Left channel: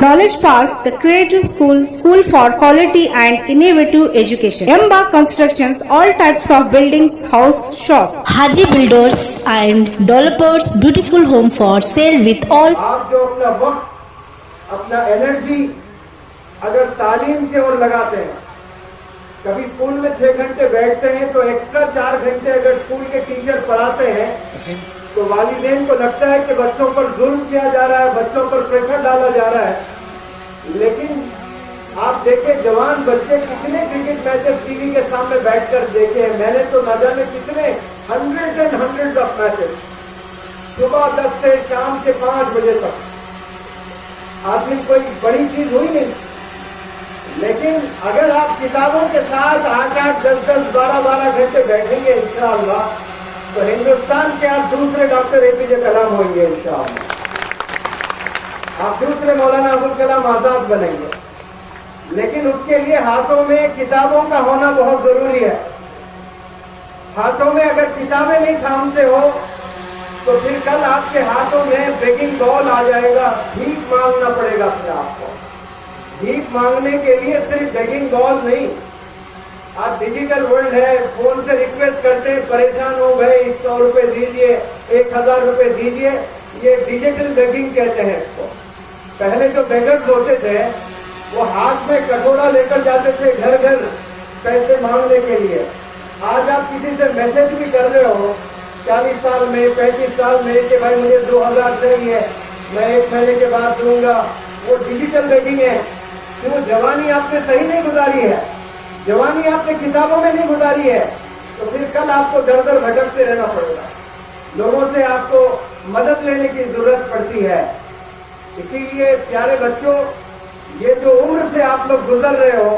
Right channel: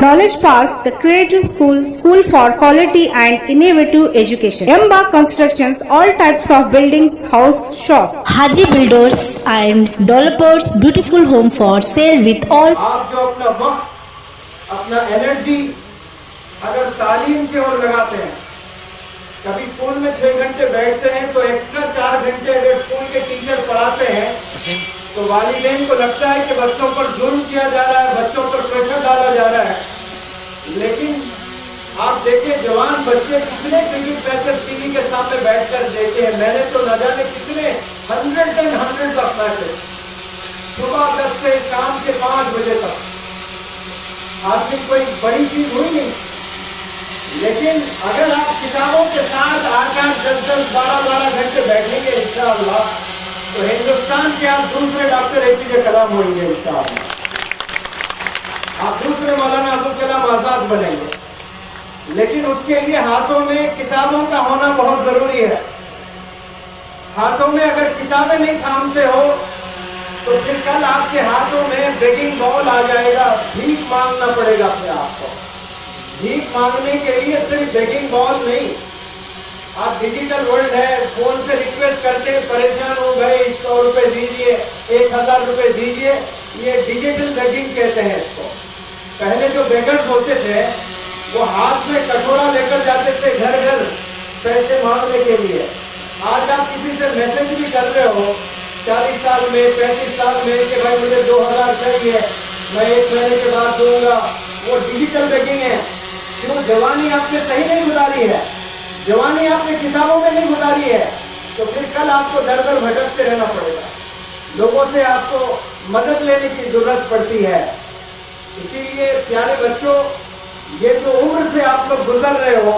Knowledge Park, the creative school, school for quality and innovative education. Embark Constructions, all types of buildings, house, shop. Haji Builders and Developers, beautiful home for sale with all. आप जो अपना वक्त, अपना energy अगर तालीम की ओर लगाते हैं, कभी स्कूल में 6 घंटे बैठते हैं तो एक्स्ट्रा 4 घंटे अगर स्कूल के टीचर पढ़ाते हैं तो वालिदैन को लगता है कि बच्चों पर जुल्म किया जा रहा है, बच्चों पर प्रेशर डाला जा रहा है। लेकिन आप देखें जवान बच्चे कितने क्रिकेट मैचेस टीवी के सामने बैठकर देखे हैं। मैंने तो न जाने कितने हंड्रेड ऑफ मैचेस सुबह 10 से शाम के 5 बजे तक। आदमी कोई बड़ी चीज हुई नहीं, लेकिन अगर आप किताबों के साथ आकर 10-10, 12-12 घंटे बैठेंगे इंशाअल्लाह तो हिंदुस्तान के आप दूसरे डॉक्टर APJ कलाम होंगे इंशाअल्लाह। आप दूसरे मौलाना अबुल कलाम आजाद बनेंगे। लेकिन उसके लिए हाथों में किताबों का होना बहुत जरूरी है। हाथों में अगर किताबें नहीं थामते हो तो फिर कल आपके हाथों में बेगिंग बॉल आ जाएगा, भीख मांगना पड़ेगा फिर आपको। भीख मांगने के लिए सिर्फ बेगिंग बॉल नहीं, आप डिजिटल वर्ल्ड है, फोन से रिक्वेस्ट करते हैं, परेशान हो गए 100 रुपए दीजिए, 1000 रुपए दीजिए, ये डिजिटल बेगिंग कहते हैं इसको। पहले जो बेगर्स होते थे वो हाथ में कटोरा लेकर जाते थे घर घर पैसे मांगने के लिए। आज आप किसी से मैसेज भी कर रहे हो 40 साल में, 35 साल में कि भाई मुझे 2000 चाहिए, मैं 1 महीने के बाद दूंगा, वो डिजिटल बेगिंग है। क्यों? जवानी आपने सही नहीं गुजारी है, जवानी आपने किताबों में नहीं गुजारी है, तो फिर कल आपको दर दर भटकते रहना पड़ेगा। लोगों से आपको मदद लेने की जरूरत पड़ती है। इसीलिए प्यारे बच्चों, ये जो उम्र से आप लोग गुजर रहे हो,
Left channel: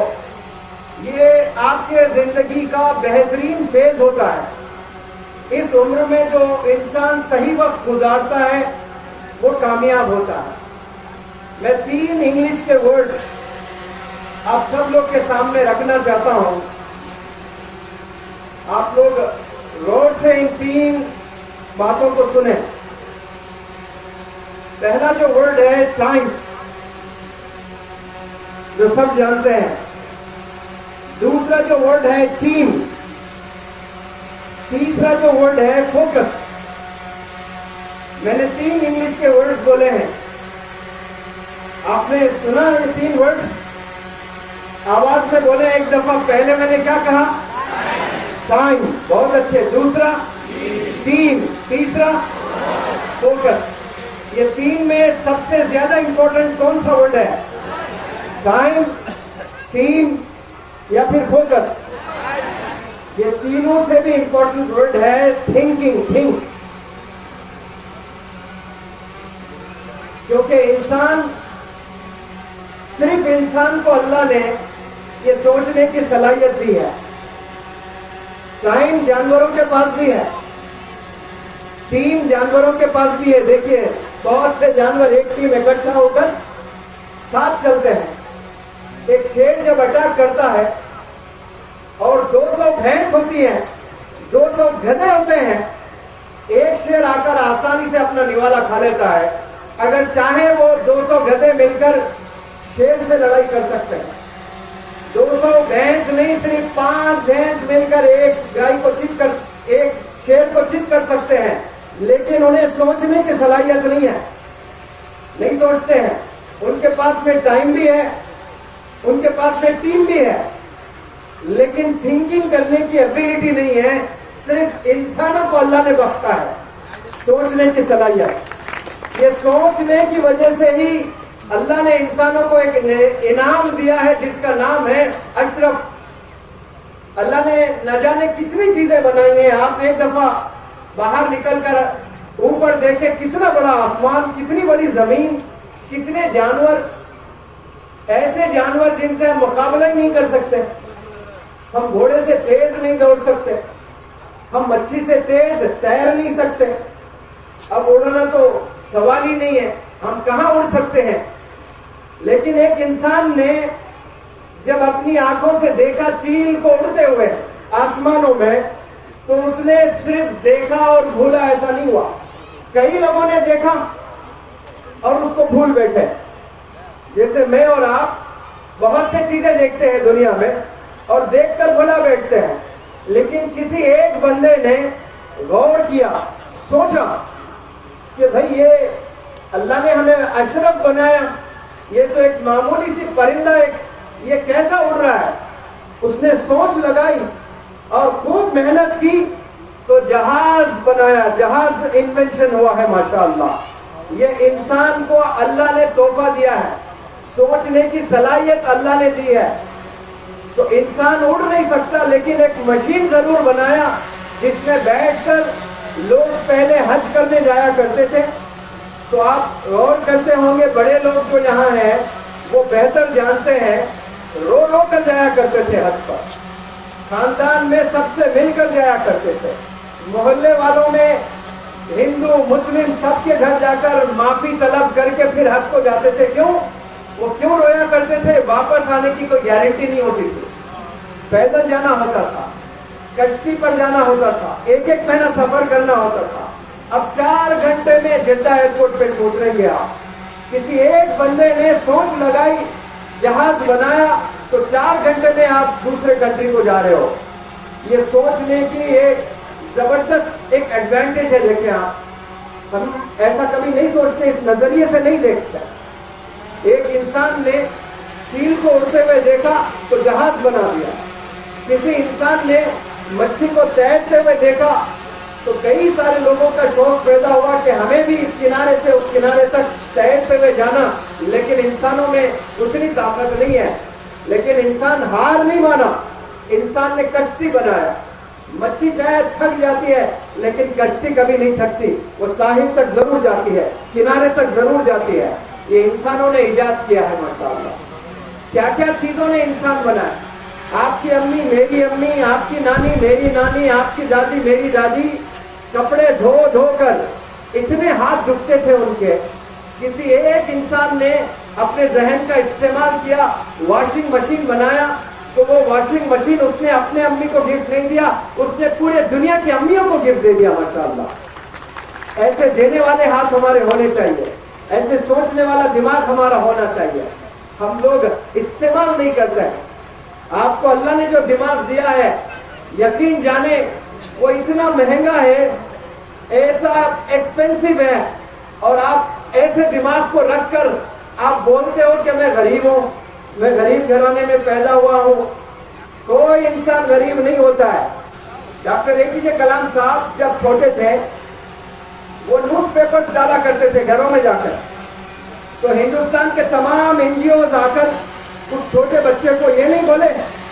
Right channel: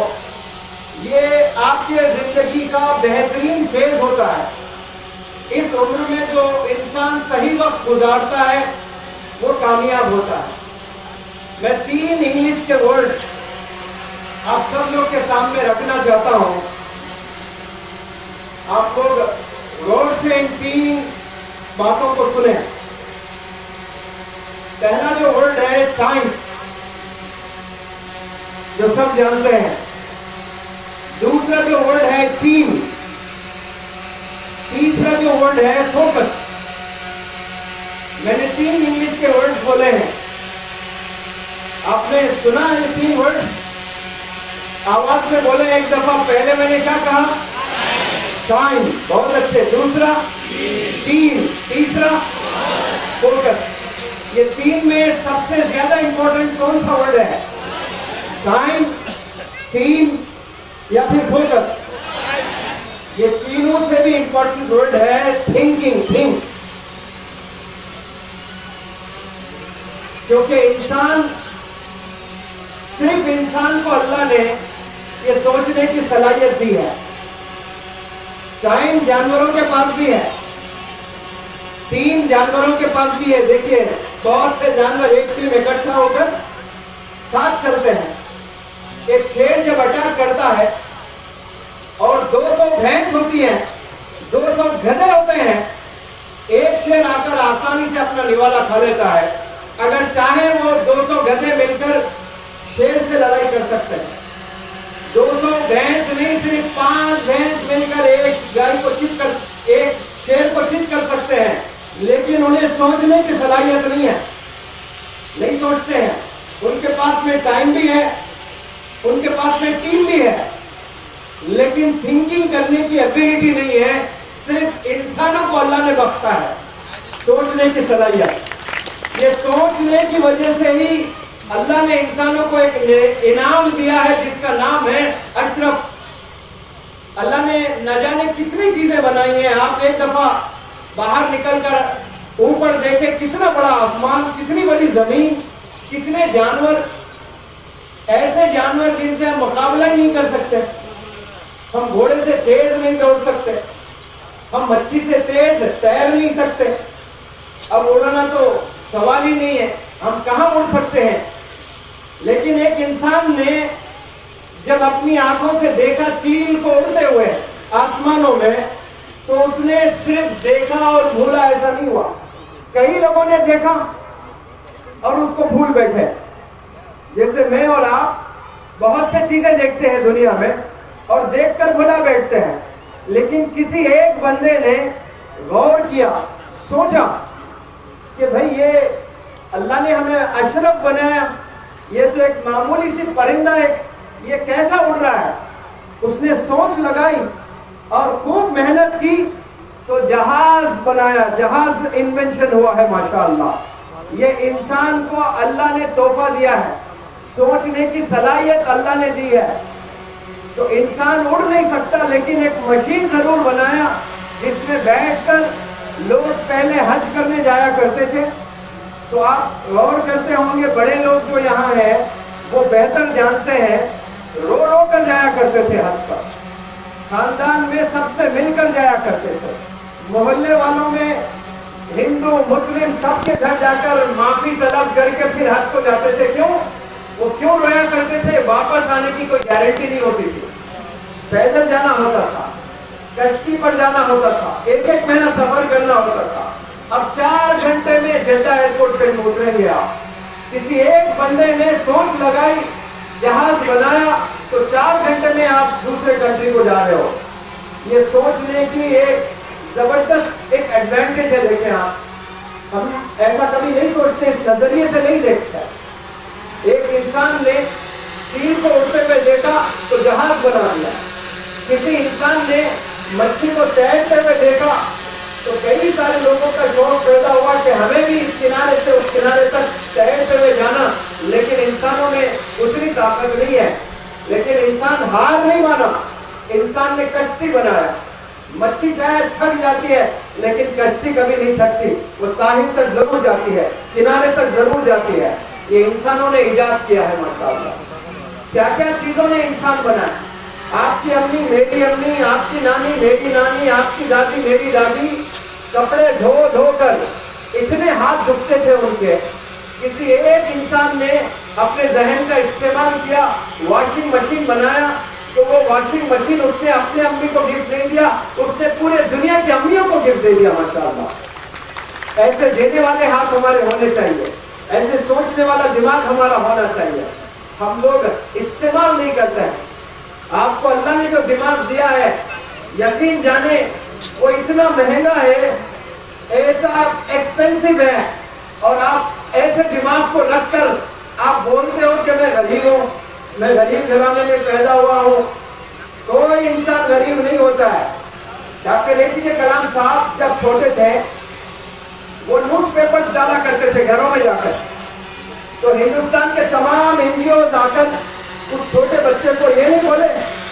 ये आपके जिंदगी का बेहतरीन फेज होता है। इस उम्र में जो इंसान सही वक्त गुजारता है वो कामयाब होता है। मैं 3 इंग्लिश के वर्ड्स आप सब लोग के सामने रखना चाहता हूं। आप लोग गौर से इन 3 बातों को सुने। पहला जो वर्ड है साइंस, जो सब जानते हैं। दूसरा जो वर्ड है टीम। तीसरा जो वर्ड है फोकस। मैंने 3 इंग्लिश के वर्ड्स बोले हैं, आपने सुना है 3 वर्ड्स? आवाज में बोले एक दफा। पहले मैंने क्या कहा? टाइम, बहुत अच्छे। दूसरा टीम, तीसरा फोकस। ये 3 में सबसे ज्यादा इंपॉर्टेंट कौन सा वर्ड है? टाइम, टीम या फिर फोकस? ये तीनों से भी इंपॉर्टेंट वर्ड है थिंकिंग, थिंक। क्योंकि सिर्फ इंसान को अल्लाह ने ये सोचने की सलाहियत दी है। टाइम जानवरों के पास भी है, टीम जानवरों के पास भी है। देखिए, बहुत से जानवर एक टीम इकट्ठा होकर साथ चलते हैं। एक शेर जब अटैक करता है और 200 भैंस होती है, 200 गधे होते हैं, एक शेर आकर आसानी से अपना निवाला खा लेता है। अगर चाहे वो 200 गधे मिलकर शेर से लड़ाई कर सकते हैं। 200 भैंस नहीं, सिर्फ 5 भैंस मिलकर एक गाय को चित कर, एक शेर को चित कर सकते हैं। लेकिन उन्हें सोचने की सलाहियत नहीं है, नहीं सोचते हैं। उनके पास में टाइम भी है, उनके पास में टीम भी है, लेकिन थिंकिंग करने की एबिलिटी नहीं है। सिर्फ इंसानों को अल्लाह ने बख्शा है सोचने की सलाहियत। ये सोचने की वजह से ही अल्लाह ने इंसानों को एक इनाम दिया है जिसका नाम है अशरफ। अल्लाह ने न जाने कितनी चीजें बनाई हैं। आप एक दफा बाहर निकलकर ऊपर देखें, कितना बड़ा आसमान, कितनी बड़ी जमीन, कितने जानवर, ऐसे जानवर जिनसे हम मुकाबला ही नहीं कर सकते। हम घोड़े से तेज नहीं दौड़ सकते, हम मच्छी से तेज तैर नहीं सकते। अब उड़ना तो सवाल ही नहीं है, हम कहां उड़ सकते हैं। लेकिन एक इंसान ने जब अपनी आंखों से देखा चील को उड़ते हुए आसमानों में, तो उसने सिर्फ देखा और भूला, ऐसा नहीं हुआ। कई लोगों ने देखा और उसको भूल बैठे। जैसे मैं और आप बहुत सी चीजें देखते हैं दुनिया में और देखकर भुला बैठते हैं, लेकिन किसी एक बंदे ने गौर किया, सोचा कि भाई ये अल्लाह ने हमें अशरफ बनाया, ये तो एक मामूली सी परिंदा है, ये कैसा उड़ रहा है। उसने सोच लगाई और खूब मेहनत की तो जहाज बनाया, जहाज इन्वेंशन हुआ है माशाअल्लाह। ये इंसान को अल्लाह ने तोहफा दिया है, सोचने की सलाहियत अल्लाह ने दी है। तो इंसान उड़ नहीं सकता, लेकिन एक मशीन जरूर बनाया जिसमें बैठकर लोग पहले हज करने जाया करते थे। तो आप गौर करते होंगे, बड़े लोग जो यहाँ हैं वो बेहतर जानते हैं, रो रो कर जाया करते थे हज पर। खानदान में सबसे मिलकर जाया करते थे, मोहल्ले वालों में हिंदू मुस्लिम सबके घर जाकर माफी तलब करके फिर हज को जाते थे। क्यों? वो क्यों रोया करते थे? वापस आने की कोई गारंटी नहीं होती थी। पैदल जाना होता था, कश्ती पर जाना होता था, एक एक महीना सफर करना होता था। अब 4 घंटे में जद्दा एयरपोर्ट पे पहुंचेंगे आप। किसी एक बंदे ने सोच लगाई, जहाज बनाया, तो 4 घंटे में आप दूसरे कंट्री को जा रहे हो। ये सोचने की एक जबरदस्त एक एडवांटेज है। देखें आप, हम ऐसा कभी नहीं सोचते, इस नजरिए से नहीं देखते। एक इंसान ने चील को उड़ते हुए देखा तो जहाज बना दिया। किसी इंसान ने मच्छी को तैरते हुए देखा तो कई सारे लोगों का शौक पैदा हुआ कि हमें भी इस किनारे से उस किनारे तक तैरते हुए जाना। लेकिन इंसानों में उतनी ताकत नहीं है। लेकिन इंसान हार नहीं माना, इंसान ने कश्ती बनाया। मच्छी शायद थक जाती है, लेकिन कश्ती कभी नहीं थकती, वो साहिल तक जरूर जाती है, किनारे तक जरूर जाती है। ये इंसानों ने इजाद किया है माशाअल्लाह। क्या क्या चीजों ने इंसान बनाया। आपकी अम्मी मेरी अम्मी, आपकी नानी मेरी नानी, आपकी दादी मेरी दादी कपड़े धो धो कर इतने हाथ दुखते थे उनके। किसी एक इंसान ने अपने जहन का इस्तेमाल किया, वॉशिंग मशीन बनाया, तो वो वॉशिंग मशीन उसने अपने अम्मी को गिफ्ट नहीं दिया, उसने पूरे दुनिया की अम्मियों को गिफ्ट दे दिया माशाअल्लाह। ऐसे देने वाले हाथ हमारे होने चाहिए, ऐसे सोचने वाला दिमाग हमारा होना चाहिए। हम लोग इस्तेमाल नहीं करते हैं। आपको अल्लाह ने जो दिमाग दिया है, यकीन जाने वो इतना महंगा है, ऐसा एक्सपेंसिव है, और आप ऐसे दिमाग को रखकर आप बोलते हो कि मैं गरीब हूं, मैं गरीब घराने में पैदा हुआ हूं। कोई इंसान गरीब नहीं होता है। डॉक्टर एपीजे कलाम साहब जब छोटे थे, वो न्यूज़पेपर डाला करते थे घरों में जाकर। तो हिंदुस्तान के तमाम एनजीओ आकर उस छोटे बच्चे को ये नहीं बोले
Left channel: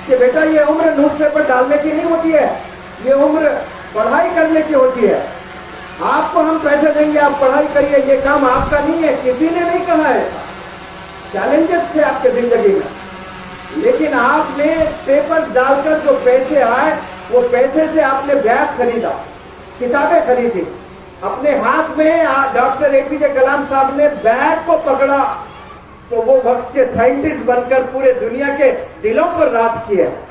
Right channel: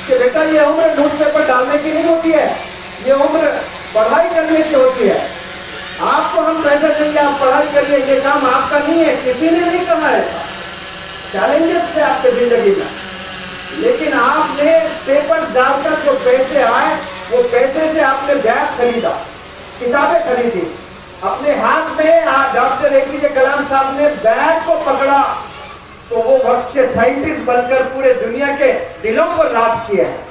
कि बेटा ये उम्र न्यूज़पेपर डालने की नहीं होती है, ये उम्र पढ़ाई करने की होती है। आपको हम पैसे देंगे, आप पढ़ाई करिए, ये काम आपका नहीं है। किसी ने नहीं कहा है। चैलेंजेस थे आपके जिंदगी में, लेकिन आपने पेपर डालकर जो पैसे आए, वो पैसे से आपने बैग खरीदा, किताबें खरीदी। अपने हाथ में डॉक्टर एपीजे कलाम साहब ने बैग को पकड़ा तो वो वक्त के साइंटिस्ट बनकर पूरे दुनिया के दिलों पर राज किया है।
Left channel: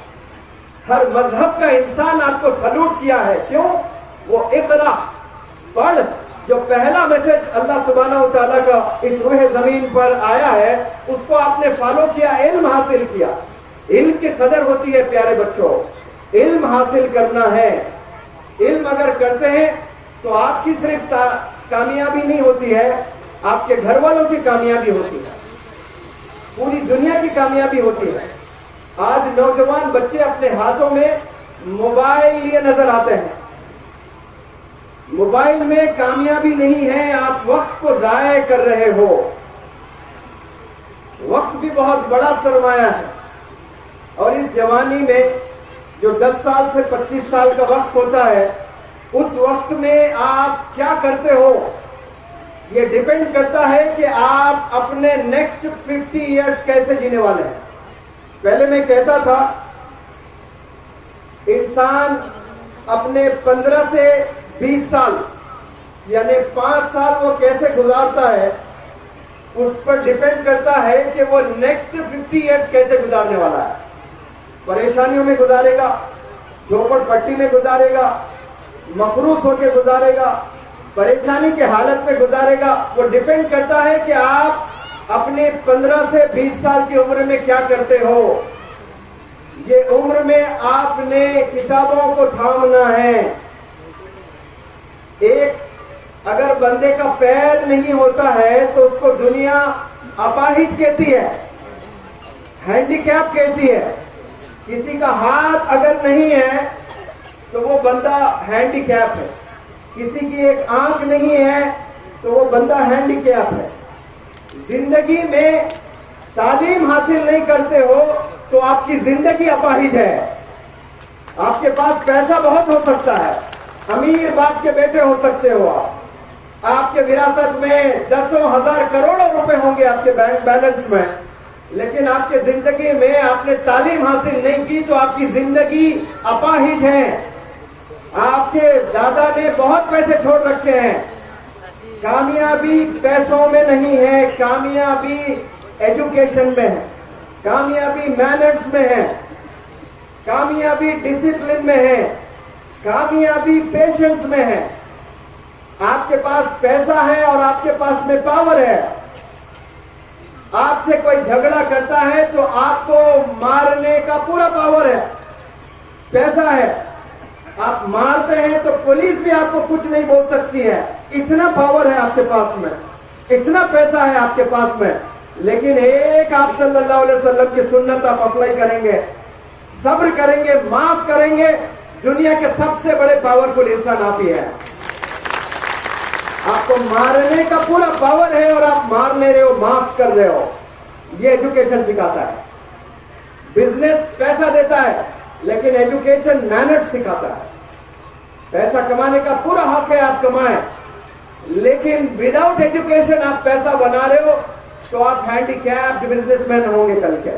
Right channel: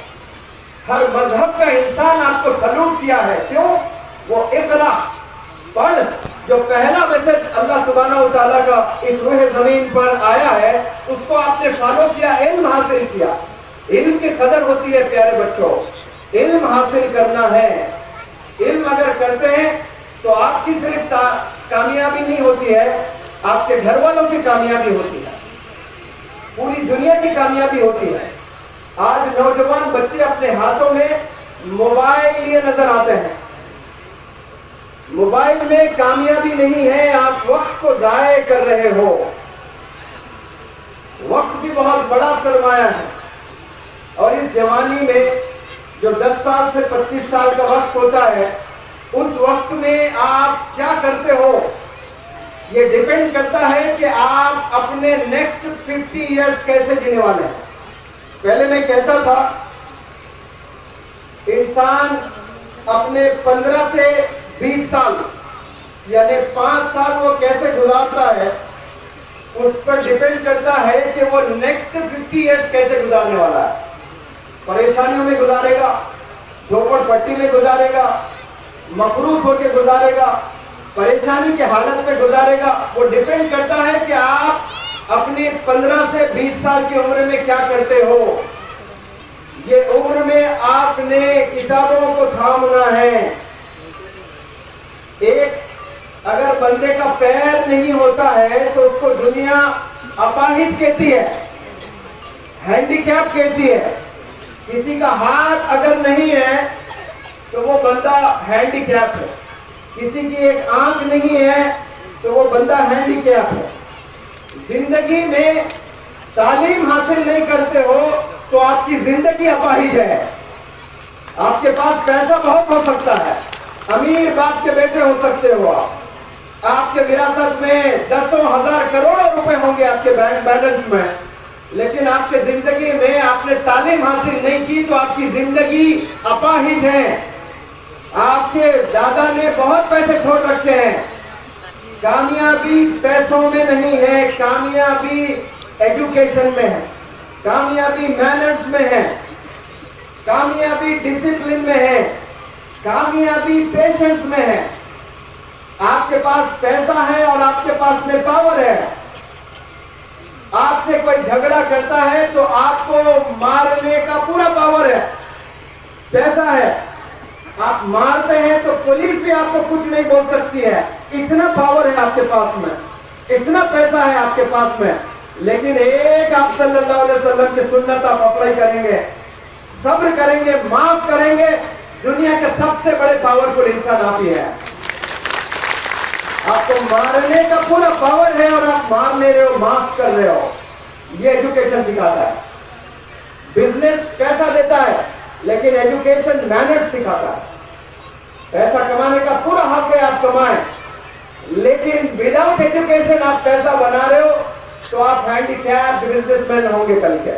हर मजहब का इंसान आपको सलूट किया है। क्यों? वो इकरा पढ़, जो पहला मैसेज अल्लाह सुब्हानहू व तआला का इस रूह जमीन पर आया है, उसको आपने फॉलो किया, इल्म हासिल किया। इल्म की कदर होती है प्यारे बच्चों, इल्म हासिल करना है। इल्म अगर करते हैं तो आपकी सिर्फ कामयाबी नहीं होती है, आपके घर वालों की कामयाबी होती है, पूरी दुनिया की कामयाबी होती है। आज नौजवान बच्चे अपने हाथों में मोबाइल लिए नजर आते हैं। मोबाइल में कामयाबी नहीं है, आप वक्त को जाया कर रहे हो। वक्त भी बहुत बड़ा सरमाया है, और इस जवानी में जो 10 साल से 25 साल का वक्त होता है, उस वक्त में आप क्या करते हो, ये डिपेंड करता है कि आप अपने नेक्स्ट 50 इयर्स कैसे जीने वाले हैं। पहले मैं कहता था, इंसान अपने 15 से 20 साल यानी 5 साल वो कैसे गुजारता है, उस पर डिपेंड करता है कि वो नेक्स्ट 50 इयर्स कैसे गुजारने वाला है। परेशानियों में गुजारेगा, झोपड़पट्टी में गुजारेगा, मफरूस होकर गुजारेगा, परेशानी की हालत में गुजारेगा। वो डिपेंड करता है कि आप अपने 15 से 20 साल की उम्र में क्या करते हो? ये उम्र में आपने किताबों को थामना है। एक अगर बंदे का पैर नहीं होता है तो उसको दुनिया अपाहिज कहती है, हैंडीकैप कहती है। किसी का हाथ अगर नहीं है तो वो बंदा हैंडीकैप है। किसी की एक आंख नहीं है तो वो बंदा हैंडीकैप है। जिंदगी में तालीम हासिल नहीं करते हो तो आपकी जिंदगी अपाहिज है। आपके पास पैसा बहुत हो सकता है, अमीर बाप के बेटे हो सकते हो आप। आपके विरासत में दसों हजार करोड़ों रुपए होंगे आपके बैंक बैलेंस में, लेकिन आपके जिंदगी में आपने तालीम हासिल नहीं की तो आपकी जिंदगी अपाहिज है। आपके दादा ने बहुत पैसे छोड़ रखे हैं। कामयाबी पैसों में नहीं है, कामयाबी एजुकेशन में है, कामयाबी मैनर्स में है, कामयाबी डिसिप्लिन में है, कामयाबी पेशेंस में है। आपके पास पैसा है और आपके पास में पावर है। आपसे कोई झगड़ा करता है तो आपको मारने का पूरा पावर है, पैसा है। आप मारते हैं तो पुलिस भी आपको कुछ नहीं बोल सकती है, इतना पावर है आपके पास में, इतना पैसा है आपके पास में। लेकिन एक आप सल्लल्लाहु अलैहि वसल्लम की सुन्नत आप अप्लाई करेंगे, सब्र करेंगे, माफ करेंगे, दुनिया के सबसे बड़े पावरफुल इंसान आप ही है। आपको मारने का पूरा पावर है और आप मार नहीं रहे हो, माफ कर रहे हो। ये एजुकेशन सिखाता है। बिजनेस पैसा देता है लेकिन एजुकेशन मैनर्स सिखाता है। पैसा कमाने का पूरा हक है, आप कमाएं, लेकिन विदाउट एजुकेशन आप पैसा बना रहे हो तो आप हैंडीकैप बिजनेसमैन होंगे कल के।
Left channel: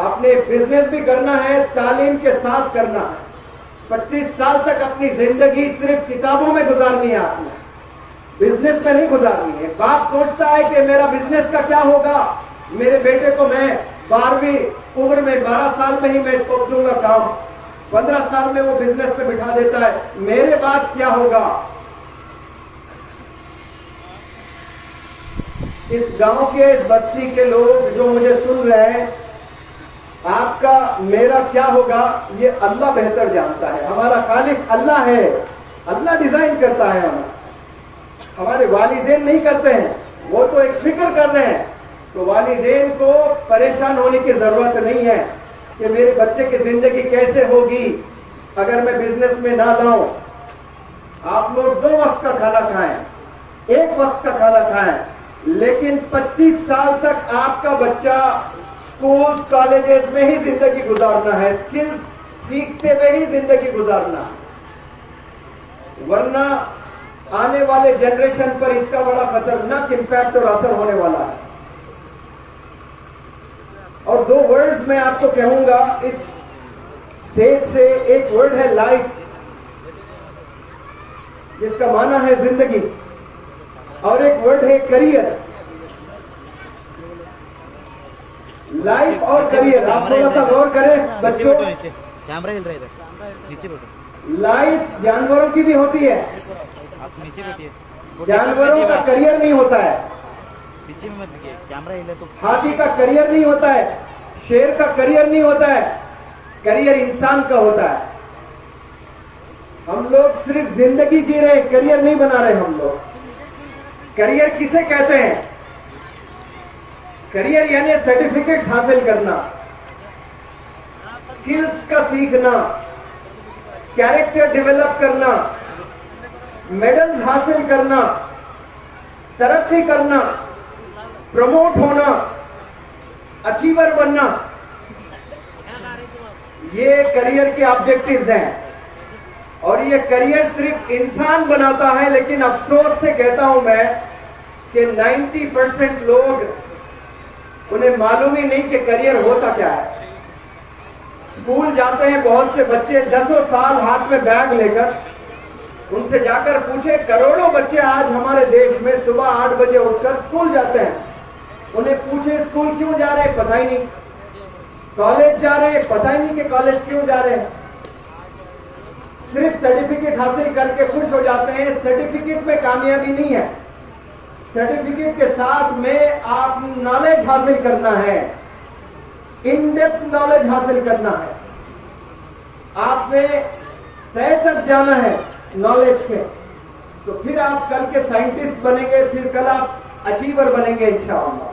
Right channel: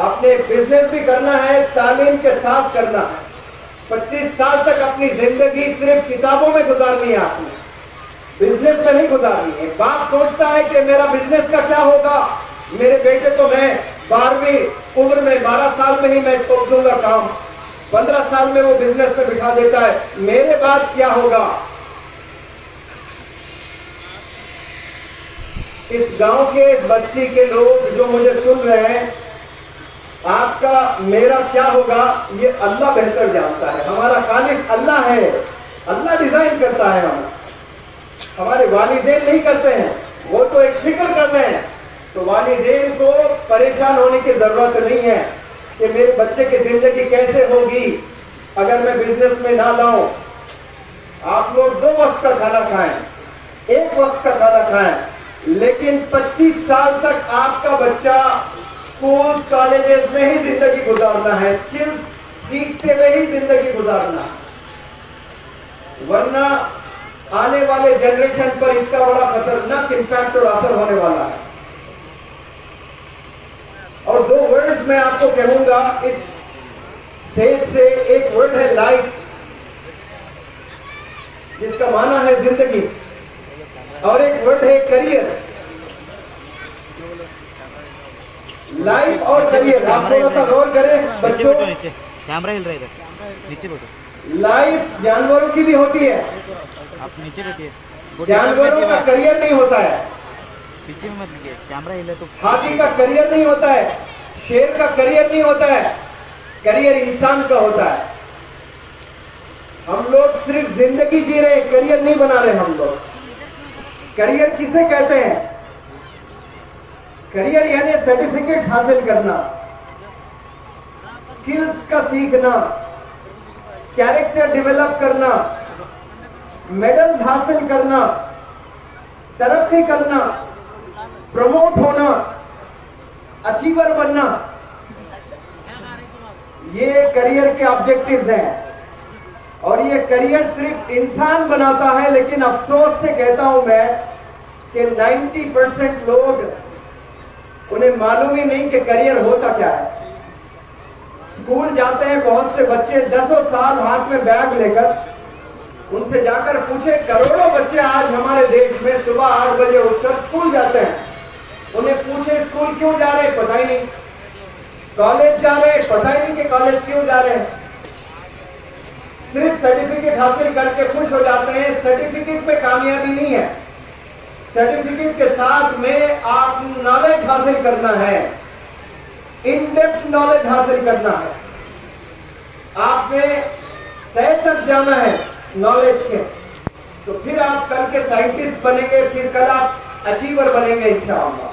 आपने बिजनेस भी करना है, तालीम के साथ करना है। 25 साल तक अपनी जिंदगी सिर्फ किताबों में गुजारनी है, आपने बिजनेस में नहीं गुजारनी है। बाप सोचता है कि मेरा बिजनेस का क्या होगा, मेरे बेटे को मैं 12वीं उम्र में 12 साल में ही मैं छोड़ दूंगा काम, 15 साल में वो बिजनेस पे बिठा देता है, मेरे बाद क्या होगा। इस गांव के बस्ती के लोग जो मुझे सुन रहे हैं, आपका मेरा क्या होगा ये अल्लाह बेहतर जानता है। हमारा खालिक अल्लाह है, अल्लाह डिजाइन करता है। हमारे वालिदैन नहीं करते हैं, वो तो एक फिक्र कर रहे हैं। तो वालिदैन को परेशान होने की जरूरत नहीं है कि मेरे बच्चे की जिंदगी कैसे होगी अगर मैं बिजनेस में ना लाऊं। आप लोग 2 वक्त का खाना खाएं, 1 वक्त का खाना खाएं, लेकिन 25 साल तक आपका बच्चा स्कूल कॉलेजेस में ही जिंदगी गुजारना है, स्किल्स सीखते हुए ही जिंदगी गुजारना है। वरना आने वाले जनरेशन पर इसका बड़ा खतरनाक इंपैक्ट और असर होने वाला है। और 2 वर्ड्स मैं आपको कहूंगा इस स्टेज से। एक वर्ड है लाइफ, जिसका माना है जिंदगी, और एक वर्ड है करियर। लाइफ और करियर, आप थोड़ा सा गौर करें बच्चों। कैमरा हिल रहा है, नीचे बैठो। लाइफ जानवरों की भी होती है, आप नीचे बैठिए। जानवरों का करियर नहीं होता है। पीछे में मत देखिए, कैमरा हिल रहा है तो। हाथी का करियर नहीं होता है, शेर का करियर नहीं होता है, करियर इंसान का होता है। हम लोग सिर्फ जिंदगी जी रहे हैं, करियर नहीं बना रहे हम लोग। करियर किसे कहते हैं? करियर यानी सर्टिफिकेट्स हासिल करना, स्किल्स का सीखना, कैरेक्टर डेवलप करना, मेडल्स हासिल करना, तरक्की करना, प्रमोट होना, अचीवर बनना, ये करियर के ऑब्जेक्टिव्स हैं। और ये करियर सिर्फ इंसान बनाता है, लेकिन अफसोस से कहता हूं मैं कि 90% लोग उन्हें मालूम ही नहीं कि करियर होता क्या है। स्कूल जाते हैं बहुत से बच्चे 10 साल हाथ में बैग लेकर, उनसे जाकर पूछे, करोड़ों बच्चे आज हमारे देश में सुबह 8 बजे उठकर स्कूल जाते हैं। उन्हें पूछे स्कूल क्यों जा रहे हैं, पता ही नहीं। कॉलेज जा रहे हैं, पता ही नहीं कि कॉलेज क्यों जा रहे हैं। सिर्फ सर्टिफिकेट हासिल करके खुश हो जाते हैं। सर्टिफिकेट में कामयाबी नहीं है, सर्टिफिकेट के साथ में आप नॉलेज हासिल करना है, इन डेप्थ नॉलेज हासिल करना है। आपने तय तक जाना है नॉलेज के, तो फिर आप कल के साइंटिस्ट बनेंगे, फिर कल आप अचीवर बनेंगे इंशाअल्लाह।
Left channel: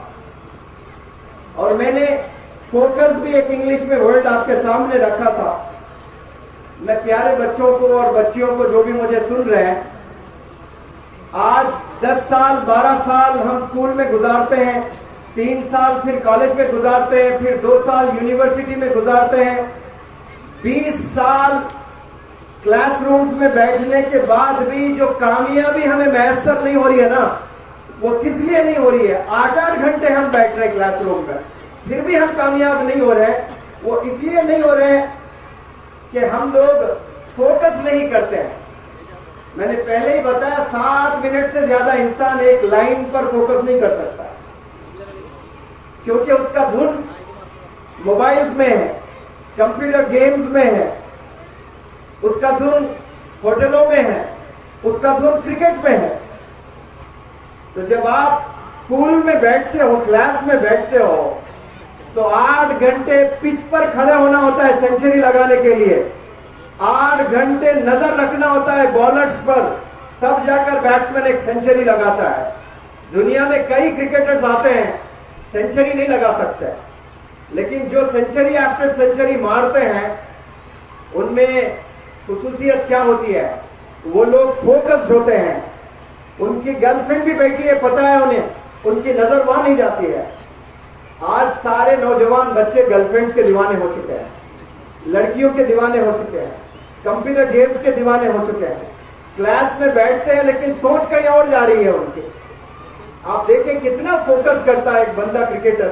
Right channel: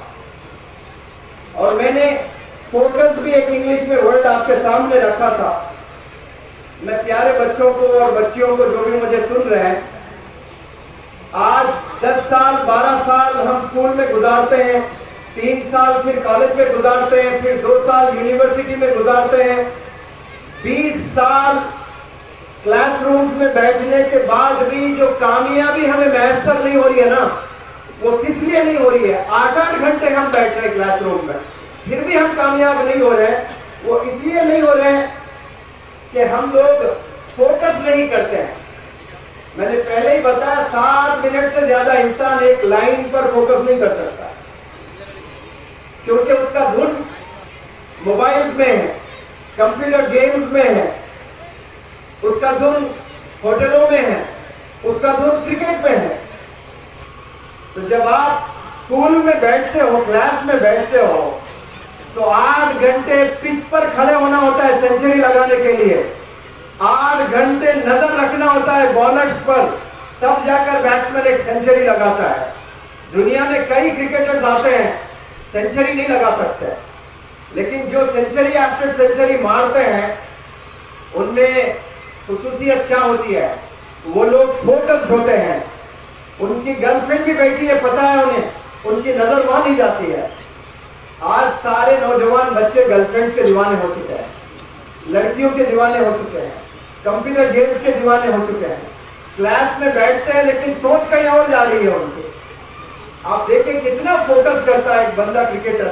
और मैंने फोकस भी एक इंग्लिश में वर्ड आपके सामने रखा था। मैं प्यारे बच्चों को और बच्चियों को जो भी मुझे सुन रहे हैं, आज 10 साल 12 साल हम स्कूल में गुजारते हैं, 3 साल फिर कॉलेज में गुजारते हैं, फिर 2 साल यूनिवर्सिटी में गुजारते हैं, 20 साल क्लासरूम्स में बैठने के बाद भी जो कामयाबी हमें मैसर नहीं हो रही है ना, वो किस लिए नहीं हो रही है? 8-8 घंटे हम बैठ रहे हैं क्लासरूम में, फिर भी हम कामयाब नहीं हो रहे हैं। वो इसलिए नहीं हो रहे हैं कि हम लोग फोकस नहीं करते हैं। मैंने पहले ही बताया, 7 मिनट से ज्यादा इंसान एक लाइन पर फोकस नहीं कर सकता, क्योंकि उसका धुन मोबाइल्स में है, कंप्यूटर गेम्स में है, उसका धुन होटलों में है, उसका धुन क्रिकेट में है। तो जब आप स्कूल में बैठते हो, क्लास में बैठते हो, तो 8 घंटे पिच पर खड़े होना होता है सेंचुरी लगाने के लिए, 8 घंटे नजर रखना होता है बॉलर्स पर, तब जाकर बैट्समैन एक सेंचुरी लगाता है। दुनिया में कई क्रिकेटर्स आते हैं, सेंचुरी नहीं लगा सकते, लेकिन जो सेंचुरी आफ्टर सेंचुरी मारते हैं, उनमें खुसूसियत क्या होती है? वो लोग फोकस्ड होते हैं। उनकी गर्लफ्रेंड भी बैठी है, पता है उन्हें, उनकी नजर वहां नहीं जाती है। आज सारे नौजवान बच्चे गर्लफ्रेंड्स के दीवाने हो चुके हैं, लड़कियों के दीवाने हो चुके हैं, कंप्यूटर गेम्स के दीवाने हो चुके हैं। क्लास में बैठते हैं लेकिन सोच कहीं और जा रही है उनकी। आप देखें कितना फोकस करता है एक बंदा क्रिकेटर,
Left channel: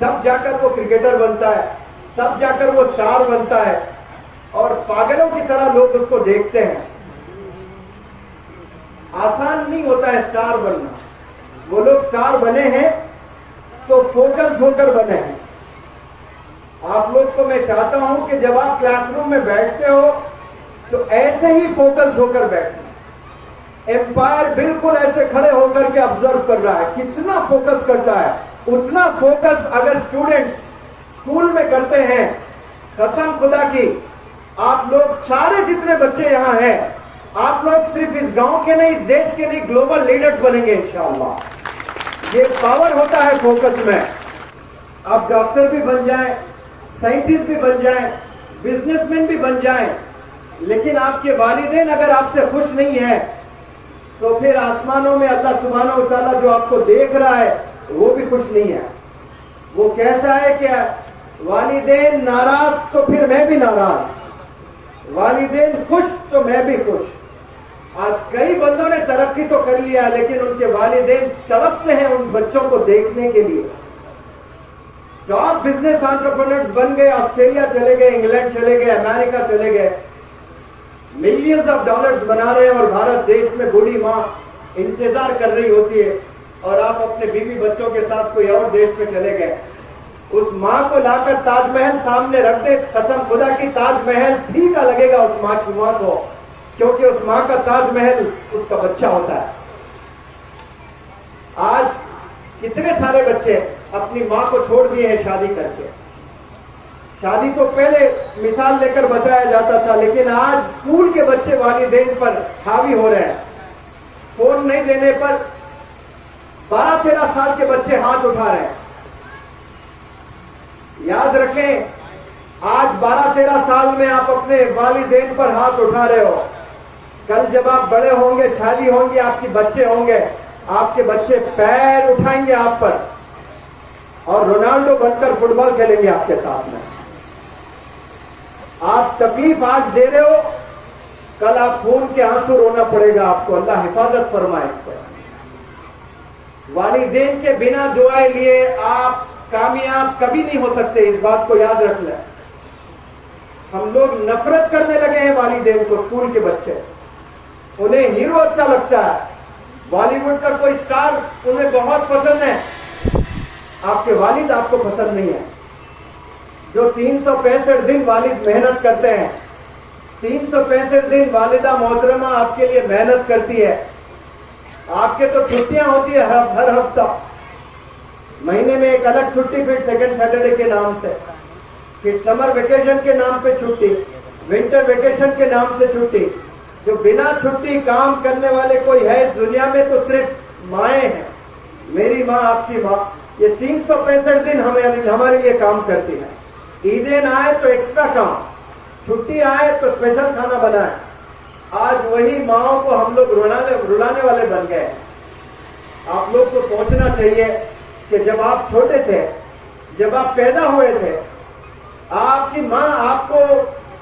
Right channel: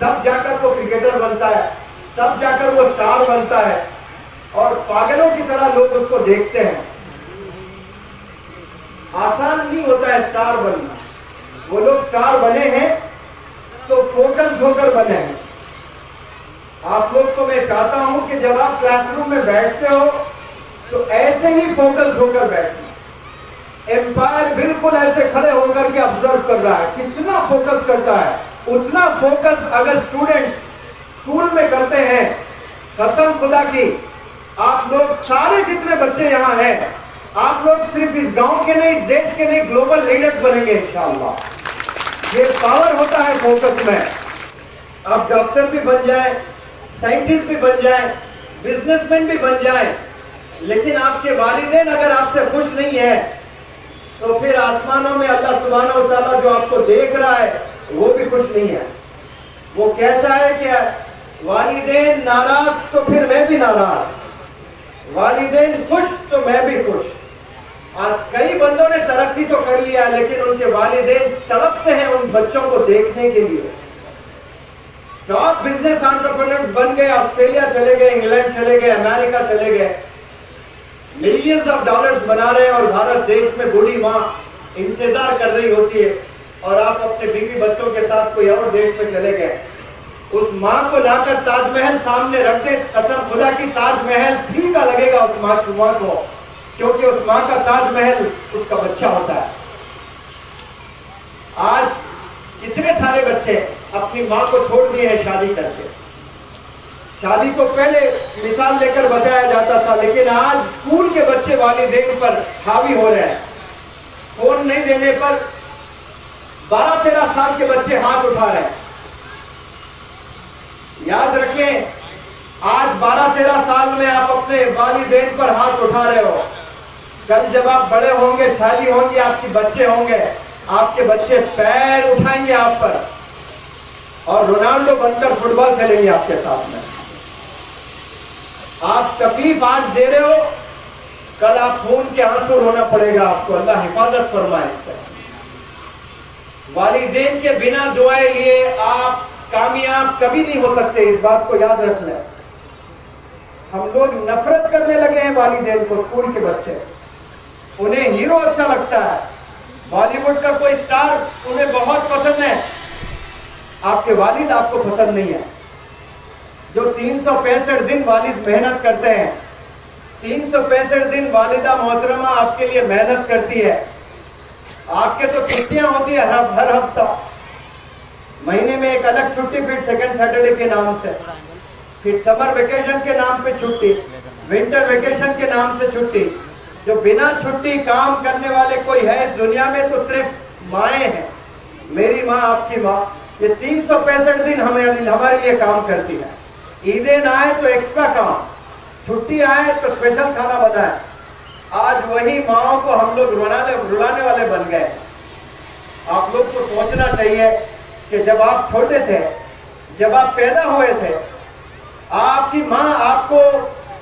तब जाकर वो क्रिकेटर बनता है, तब जाकर वो स्टार बनता है, और पागलों की तरह लोग उसको देखते हैं। आसान नहीं होता है स्टार बनना। वो लोग स्टार बने हैं तो फोकस होकर बने हैं। आप लोग को मैं चाहता हूं कि जब आप क्लासरूम में बैठते हो तो ऐसे ही फोकस होकर बैठना। एम्पायर बिल्कुल ऐसे खड़े होकर के ऑब्जर्व कर रहा है, कितना फोकस करता है। उतना फोकस अगर स्टूडेंट्स स्कूल में करते हैं, कसम खुदा की, आप लोग सारे जितने बच्चे यहां हैं, आप लोग सिर्फ इस गांव के नहीं, इस देश के नहीं, ग्लोबल लीडर्स बनेंगे इंशाअल्लाह। ये पावर होता है फोकस में। आप डॉक्टर भी बन जाएं, साइंटिस्ट भी बन जाएं, बिजनेसमैन भी बन जाएं, लेकिन आपके वालिदैन अगर आपसे खुश नहीं है, तो फिर आसमानों में अल्लाह सुब्हानहू व तआला जो आपको देख रहा है, वो भी खुश नहीं है। वो कहता है कि वालिदैन नाराज तो फिर मैं भी नाराज, वालिदैन खुश तो मैं भी खुश। आज कई बंदों ने तरक्की तो कर लिया, लेकिन उनके वालिदैन तड़पते हैं उन बच्चों को देखने के लिए। टॉप बिजनेस एंटरप्रेन्योर्स बन गए, ऑस्ट्रेलिया चले गए, इंग्लैंड चले गए, अमेरिका चले गए, मिलियंस ऑफ डॉलर्स बना रहे हैं, और भारत देश में बूढ़ी माँ इंतजार कर रही होती है, और आप अपने बीवी बच्चों के साथ कोई और देश में चले गए। उस माँ को लाकर ताजमहल सामने रख दे, कसम खुदा की ताजमहल फीका लगेगा उस माँ को, क्योंकि उस माँ का ताजमहल उसका बच्चा होता है। आज कितने सारे बच्चे अपनी माँ को छोड़ दिए हैं शादी करके। शादी तो पहले मिसाल लेकर बताया जाता था, लेकिन आज स्कूल के बच्चे वालिदैन पर हावी हो रहे हैं। फोन नहीं देने पर 12-13 साल के बच्चे हाथ उठा रहे हैं। याद रखें, आज 12-13 साल में आप अपने वालिदैन पर हाथ उठा रहे हो, कल जब आप बड़े होंगे, शादी होंगी, आपके बच्चे होंगे, आपके बच्चे पैर उठाएंगे आप पर, और रोनाल्डो बनकर फुटबॉल खेलेंगे आपके साथ में। आप तकलीफ आज दे रहे हो, कल आप खून के आंसू रोना पड़ेगा आपको। अल्लाह हिफाजत फरमाए इससे। वालिदैन के बिना दुआए लिए आप कामयाब कभी नहीं हो सकते, इस बात को याद रख लें। हम लोग नफरत करने लगे हैं वालिदैन को। स्कूल के बच्चे, उन्हें हीरो अच्छा लगता है, बॉलीवुड का कोई स्टार उन्हें बहुत पसंद है, आपके वालिद आपको पसंद नहीं है। जो 365 दिन वालिद मेहनत करते हैं, 365 दिन वालिदा मोहतरमा आपके लिए मेहनत करती है, आपके तो छुट्टियां होती है हर हफ्ता, महीने में एक अलग छुट्टी, फिर सेकंड सैटरडे के नाम से, फिर समर वेकेशन के नाम पे छुट्टी, विंटर वेकेशन के नाम से छुट्टी। जो बिना छुट्टी काम करने वाले कोई है इस दुनिया में तो सिर्फ माएँ हैं। मेरी माँ, आपकी माँ, ये 365 दिन हमारे लिए काम करती है। ईदें आए तो एक्स्ट्रा काम, छुट्टी आए तो स्पेशल खाना बनाए। आज वही माओ को हम लोग रुलाने वाले बन गए हैं। आप लोग को सोचना चाहिए कि जब आप छोटे थे, जब आप पैदा हुए थे, आपकी माँ आपको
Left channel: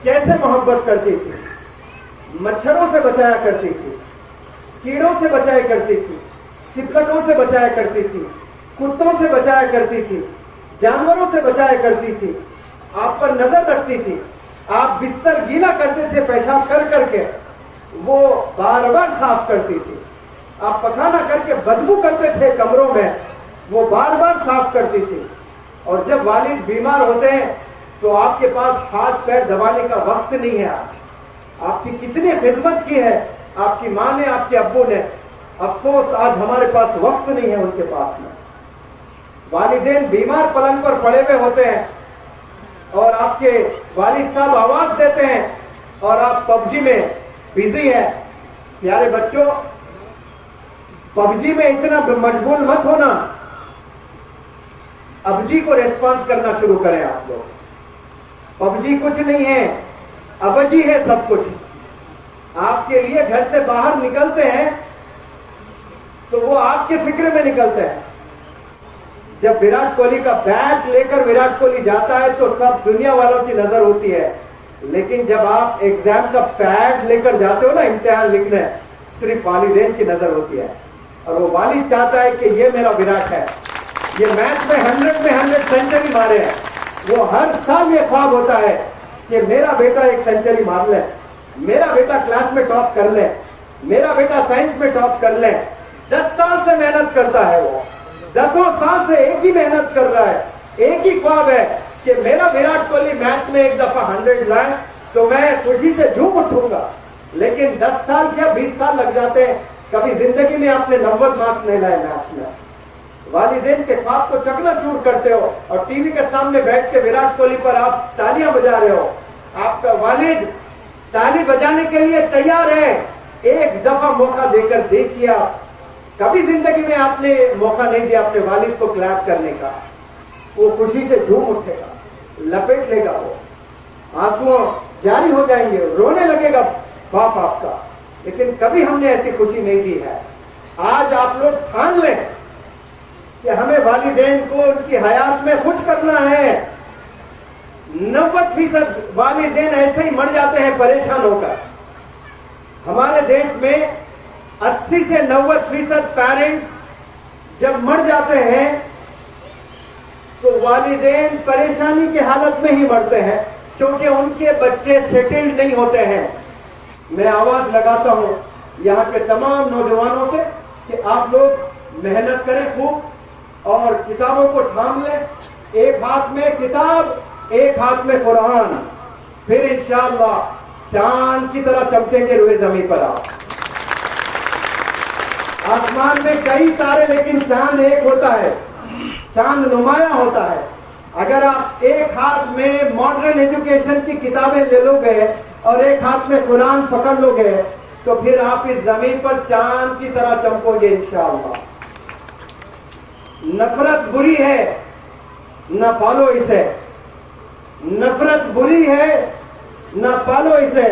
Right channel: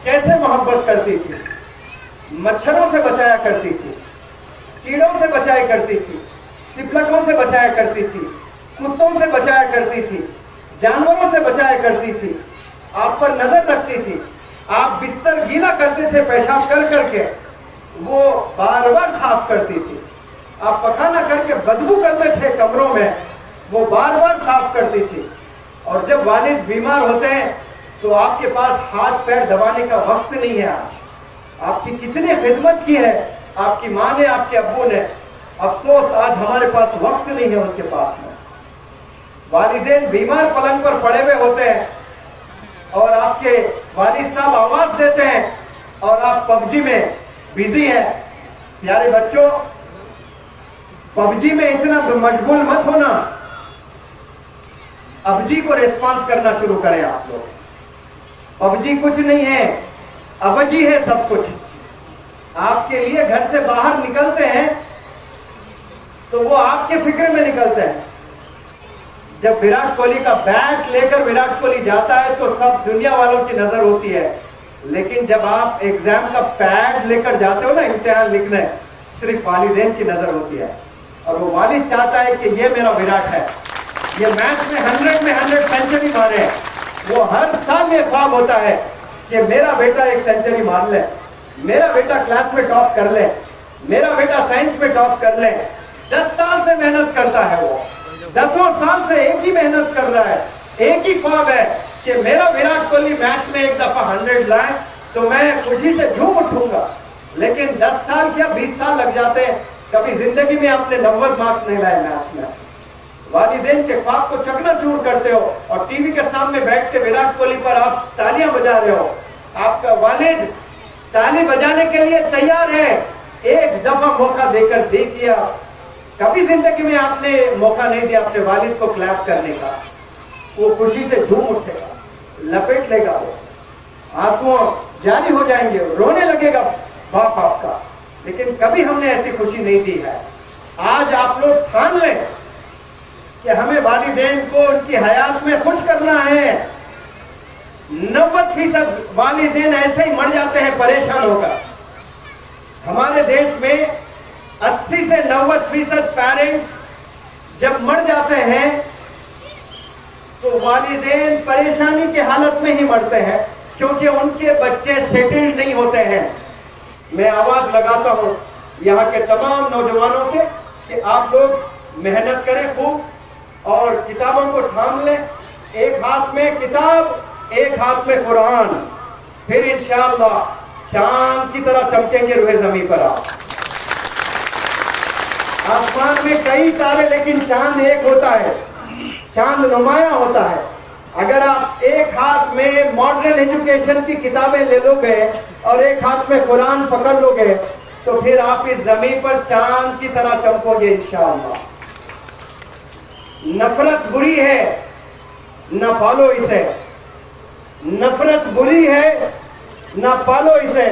कैसे मोहब्बत करती थी, मच्छरों से बचाया करती थी, कीड़ों से बचाया करती थी, सिपलकों से बचाया करती थी, कुत्तों से बचाया करती थी, जानवरों से बचाया करती थी, आप पर नजर रखती थी। आप बिस्तर गीला करते थे पेशाब कर करके, वो बार बार साफ करती थी। आप पखाना करके बदबू करते थे कमरों में, वो बार बार साफ करती थी। और जब वालिद बीमार होते हैं तो आपके पास हाथ पैर दबाने का वक्त नहीं है। आज आपकी कितनी खिदमत की है आपकी माँ ने, आपके अब्बू ने, अफसोस आज हमारे पास वक्त नहीं है उनके पास में। वालिदैन बीमार पलंग पर पड़े हुए होते हैं और आपके वालिद साहब आवाज देते हैं और आप पबजी में बिजी है। प्यारे बच्चों, पबजी में इतना मशगूल मत होना, अबजी को रेस्पॉन्स करना शुरू करें आप लोग। पबजी कुछ नहीं है, अबजी है सब कुछ। आपके लिए घर से बाहर निकलते हैं तो वो आपके फिक्र में निकलते हैं। जब विराट कोहली का बैट लेकर विराट कोहली जाता है तो सब दुनिया वालों की नजर होती है, लेकिन जब आप एग्जाम का पैड लेकर जाते हो ना इम्तिहान लिखने, सिर्फ वालिदैन की नजर होती है। और वो वालिद चाहता है कि ये मेरा विराट है, ये मैच में 100 सेंचुरी मारे है। वो हर साल ये ख्वाब होता है कि मेरा बेटा एक सेंचुरी मार ले, मेरा बेटा क्लास में टॉप कर ले, मेरा बेटा साइंस में टॉप कर ले। 10 साल से मेहनत करता है वो, 10 साल से एक ही मेहनत कर रहा है, एक ही ख्वाब है कि मेरा विराट कोहली मैच में एक दफा 100 लाए तो मैं खुशी से झूम उठूंगा। लेकिन 10 साल क्या 20 साल लग जाते हैं, कभी जिंदगी में आपने 90 मार्क्स नहीं लाए मैच में। वालिदैन के ख्वाब को चकनाचूर करते हो और टीवी के सामने बैठ के विराट कोहली पर आप तालियां बजा रहे हो। आपका वालिद ताली बजाने के लिए तैयार है, एक दफा मौका देकर देखिए। कभी जिंदगी में आपने मौका नहीं दिया अपने वालिद को क्लैप करने का, वो खुशी से झूम उठेगा, लपेट लेगा, वो आंसुओं जारी हो जाएंगे, रोने लगेगा बाप आपका। लेकिन कभी हमने ऐसी खुशी नहीं दी है। आज आप लोग ठान लें कि हमें वालिदैन को उनकी हयात में खुश करना है। 90% वालिदैन ऐसे ही मर जाते हैं परेशान होकर। हमारे देश में 80 से 90% पेरेंट्स जब मर जाते हैं तो वालिदैन परेशानी की हालत में ही मरते हैं, क्योंकि उनके बच्चे सेटल्ड नहीं होते हैं। मैं आवाज लगाता हूं यहाँ के तमाम नौजवानों से कि आप लोग मेहनत करें खूब और किताबों को थाम लें। एक हाथ में किताब, एक हाथ में कुरान, फिर इंशाअल्लाह चांद की तरह चमकेंगे रुए जमीन पर। आप आसमान में कई तारे, लेकिन चांद एक होता है, चांद नुमाया होता है। अगर आप एक हाथ में मॉडर्न एजुकेशन की किताबें ले लोगे और एक हाथ में कुरान पकड़ लोगे तो फिर आप इस जमीन पर चांद की तरह चमकोगे इंशाअल्लाह। नफरत बुरी है, न पालो इसे। नफरत बुरी है, न पालो इसे।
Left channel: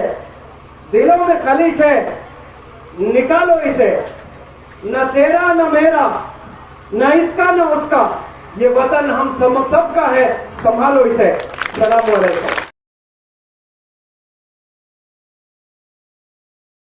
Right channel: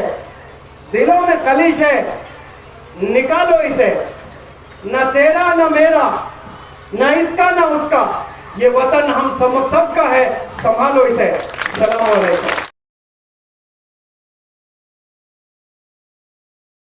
दिलों में खलीश है, निकालो इसे। न तेरा न मेरा, न इसका न उसका, ये वतन हम सबका है, संभालो इसे। सलाम अलैकुम।